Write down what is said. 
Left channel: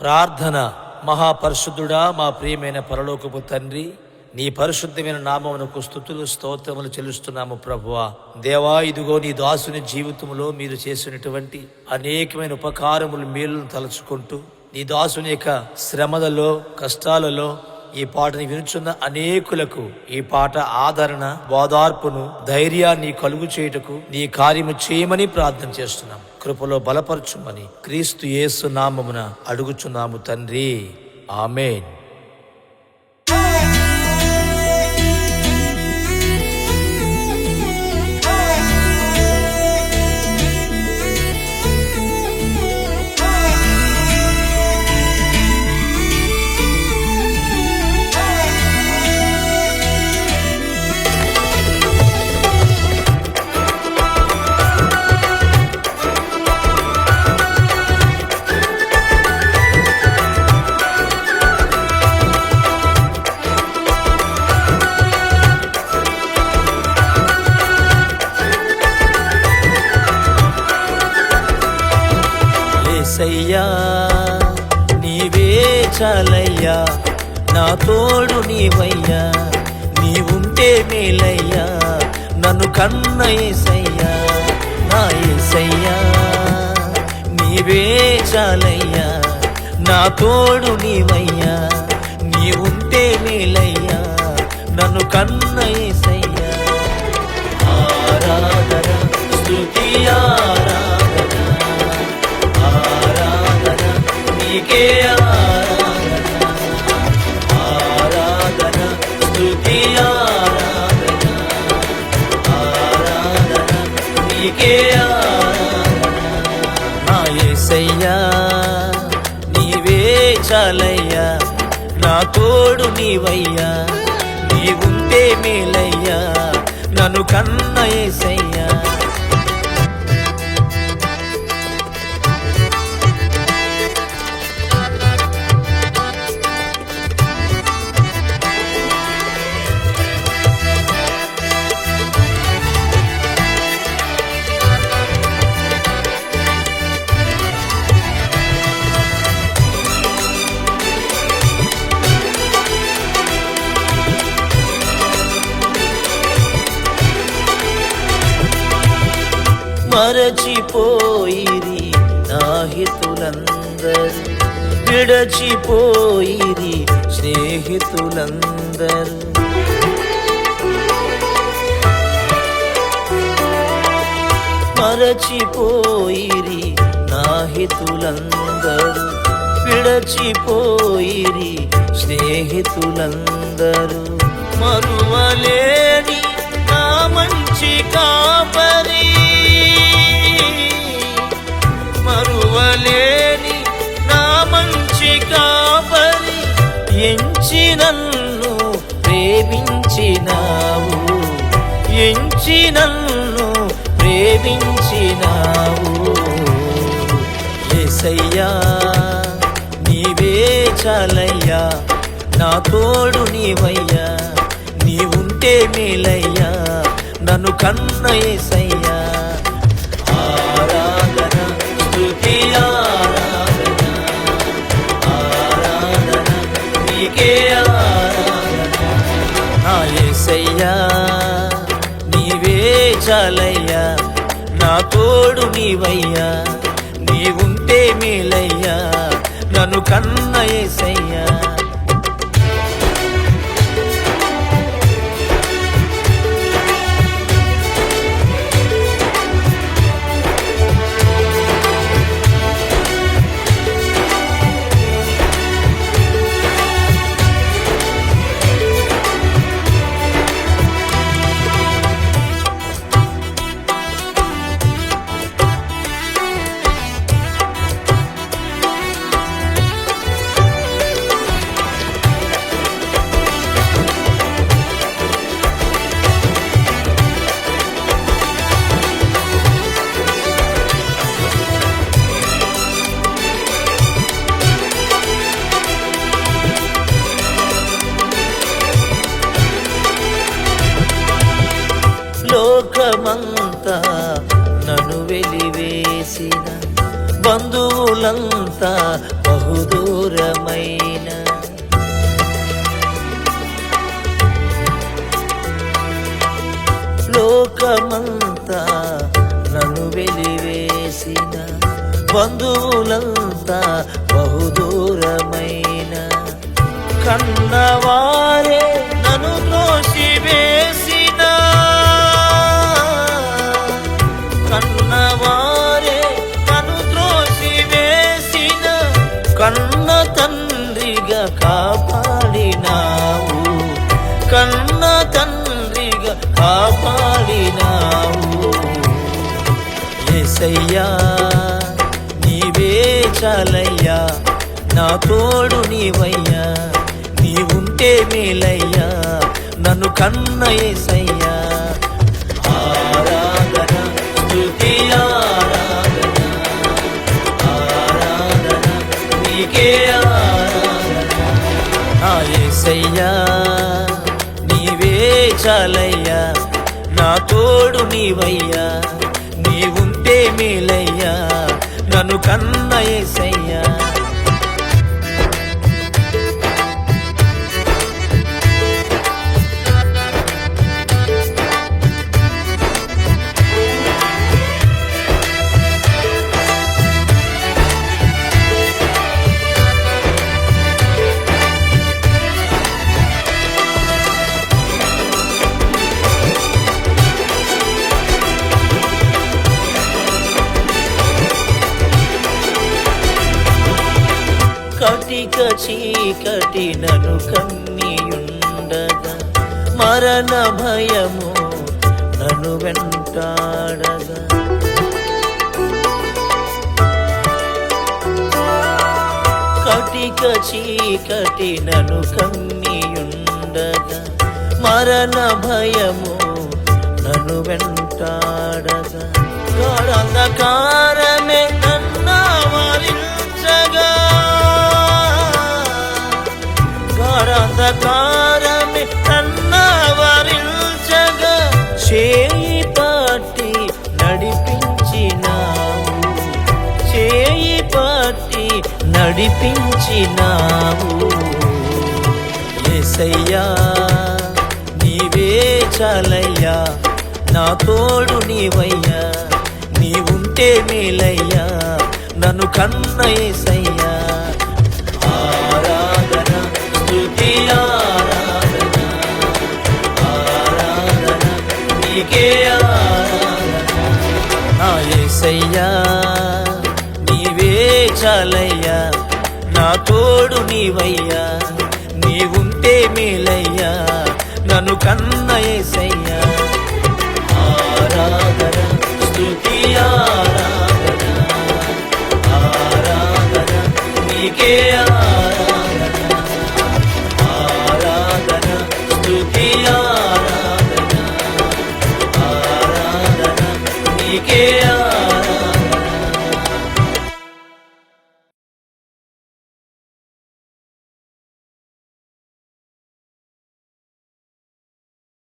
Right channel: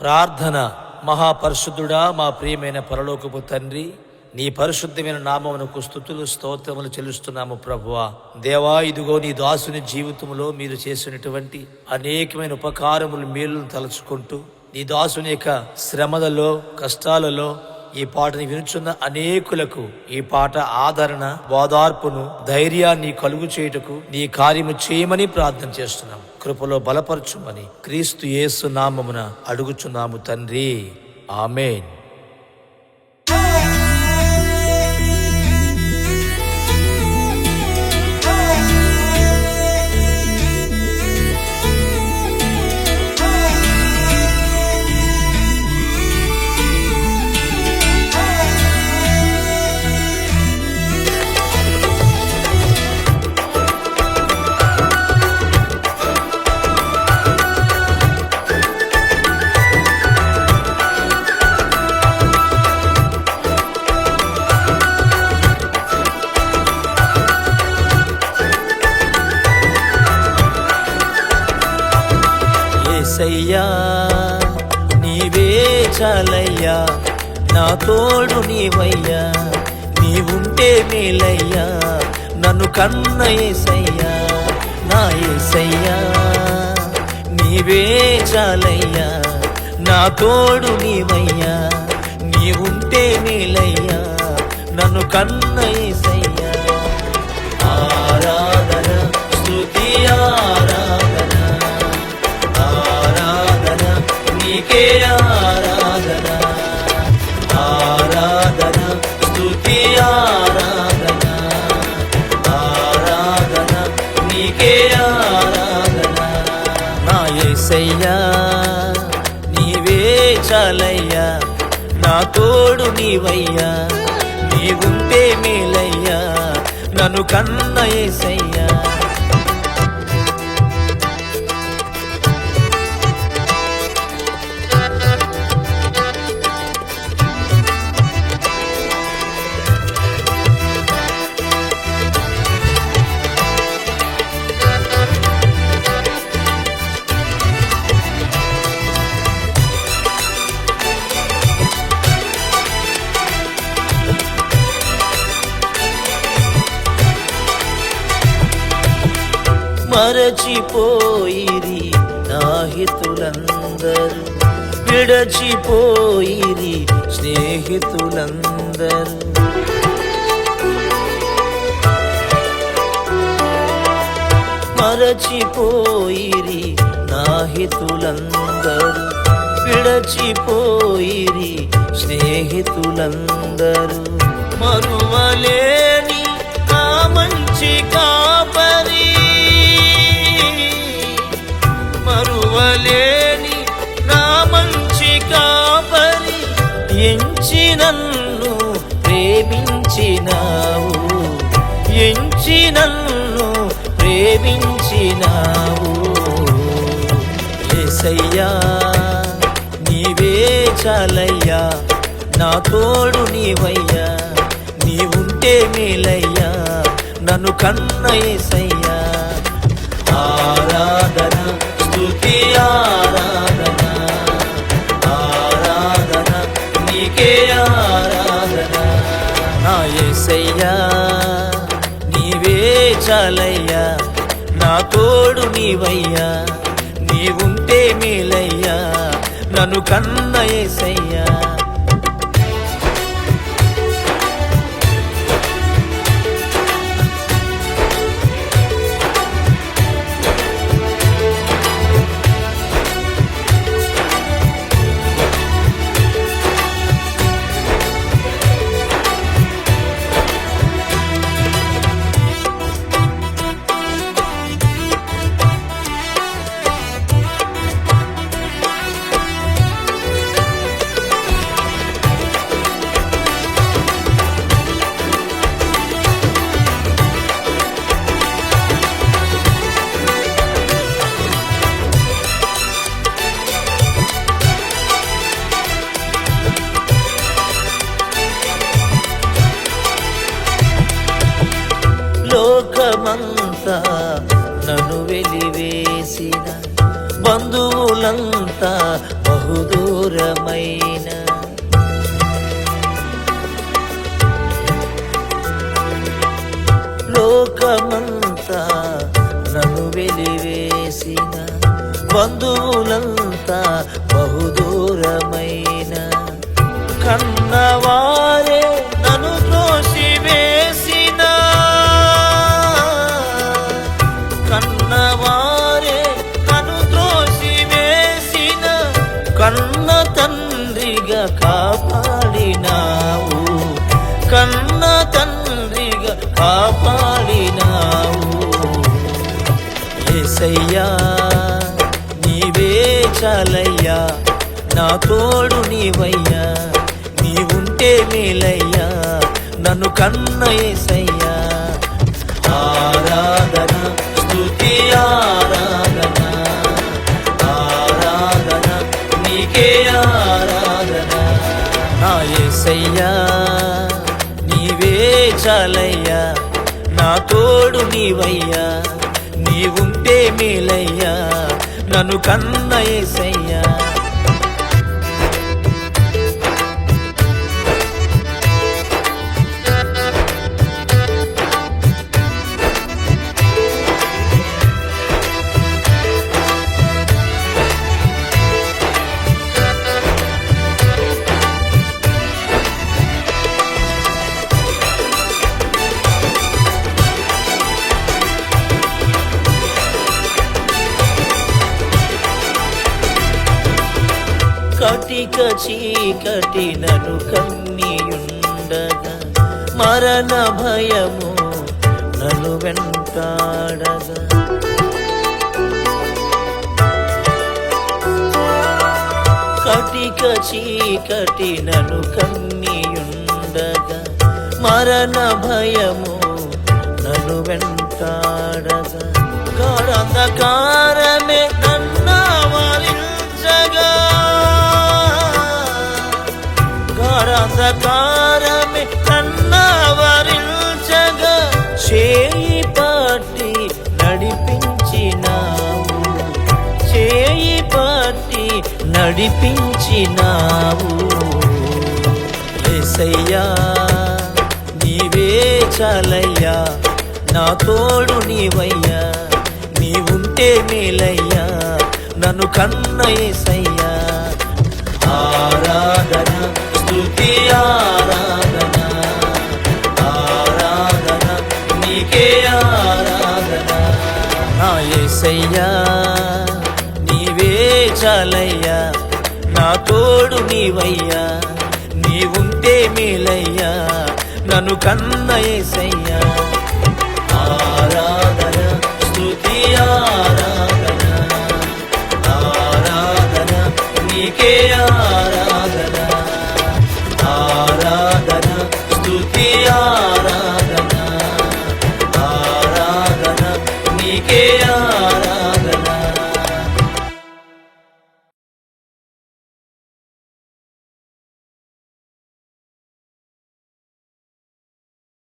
ప్రార్థన. మహాపరిశుద్ధుడా, మా ప్రియమైన పరలోకపు తండ్రి, నీ పరిశుద్ధమైన నామమునకు స్తుతులు స్తోత్రములు చెల్లిస్తున్నాము ప్రభువా. దేవా, ఇదిగో నీ దాసుని జీవితంలో మీరు చేసినటువంటి అనేకమైన ఉపకారములు, మేలును తలుచుకుంటూ నీ దాసుని యొక్క శ్రమలలో, కష్టాలలో ఈ పాటని వినుచున్న అనేకులకు ఈ పాట ఆదరణ, ఓదార్పును, ధైర్యాన్ని కలుగు చేయుటకు నీ కార్యము చేయమని ప్రార్థన చేస్తున్నాం. కృపలో బలపరచుమని క్రీస్తు యేసు నామమున అడుగుచున్నాము తండ్రి, ఆమేన్. యేసయ్యా, నీవే చాలయ్యా, నా తోడు నీవయ్యా, నీవుంటే మేలయ్యా, నన్ను కన్న యేసయ్యా, నా యేసయ్యా, నీవే చాలయ్యా, నా తోడు నీవయ్యా, నీవుంటే మేలయ్యా, నన్ను కన్న యేసయ్యా. ఆరాధన, స్తుతి, ఆరాధన, ఆరాధన నీకే, ఆరాధన, ఆరాధన, స్తుతి, ఆరాధన, ఆరాధన నీకే, ఆరాధన. నా యేసయ్యా, నీవే చాలయ్యా, నా తోడు నీవయ్యా, నీవుంటే మేలయ్యా, నన్ను కన్న యేసయ్యా. మరచిపోయిరి నా హితులందరూ, విడచిపోయిరి స్నేహితులందరూ, మరచిపోయిరి నా హితులందరూ, విడచిపోయిరి స్నేహితులందరూ, మరువలేని నా మంచి కాపరి, మరువలేని నా మంచి కాపరి, ఎంచి నన్ను ప్రేమించినావు, ఎంచి నన్ను ప్రేమించినావు. యేసయ్యా, నీవే చాలయ్యా, నా తోడు నీవయ్యా, నీవుంటే మేలయ్యా, నన్ను కన్న యేసయ్యా. ఆరాధన, స్తుతి, ఆరాధన, ఆరాధన నీకే, ఆరాధన. నా యేసయ్యా, నీవే చాలయ్యా, నా తోడు నీవయ్యా, నీవుంటే మేలయ్యా, నన్ను కన్న యేసయ్యా. బంధువులంతా బహుదూరమైన లోకమంతా నన్ను వెలివేసిన బంధువులంతా బహుదూరమైన కన్నవారే నన్ను త్రోసివేసిన కన్నవారే నన్ను త్రోసివేసిన కన్న తండ్రిగా కాపాడినావు కన్న తండ్రిగా కాపాడినావు యేసయ్యా నీవే చాలయ్యా నా తోడు నీవయ్యా నీవుంటే మేలయ్యా నన్ను కన్న యేసయ్యా ఆరాధన స్తుతి ఆరాధన ఆరాధన నీకే ఆరాధన నా యేసయ్యా నీవే చాలయ్యా నా తోడు నీవయ్యా నీవుంటే మేలయ్యా నన్ను కన్న యేసయ్యా కటిక చీకటి నన్ను కమ్మియుండగా మరణ భయము నన్ను వెంటాడగా కటిక చీకటి నన్ను కమ్మియుండగా మరణ భయము నన్ను వెంటాడగా గాఢంధకారమే నన్నావరించగా గాఢంధకారమే నన్నావరించగా చేయి పట్టి నడిపించినావు చేయి పట్టి నడిపించినావు యేసయ్యా నీవే చాలయ్యా నా తోడు నీవయ్యా నీవుంటే మేలయ్యా నన్ను కన్న యేసయ్యా ఆరాధన స్తుతి ఆరాధన ఆరాధన నీకే ఆరాధన నా యేసయ్యా నీవే చాలయ్యా నా తోడు నీవయ్యా నీవుంటే మేలయ్యా నన్ను కన్న యేసయ్యా ఆరాధన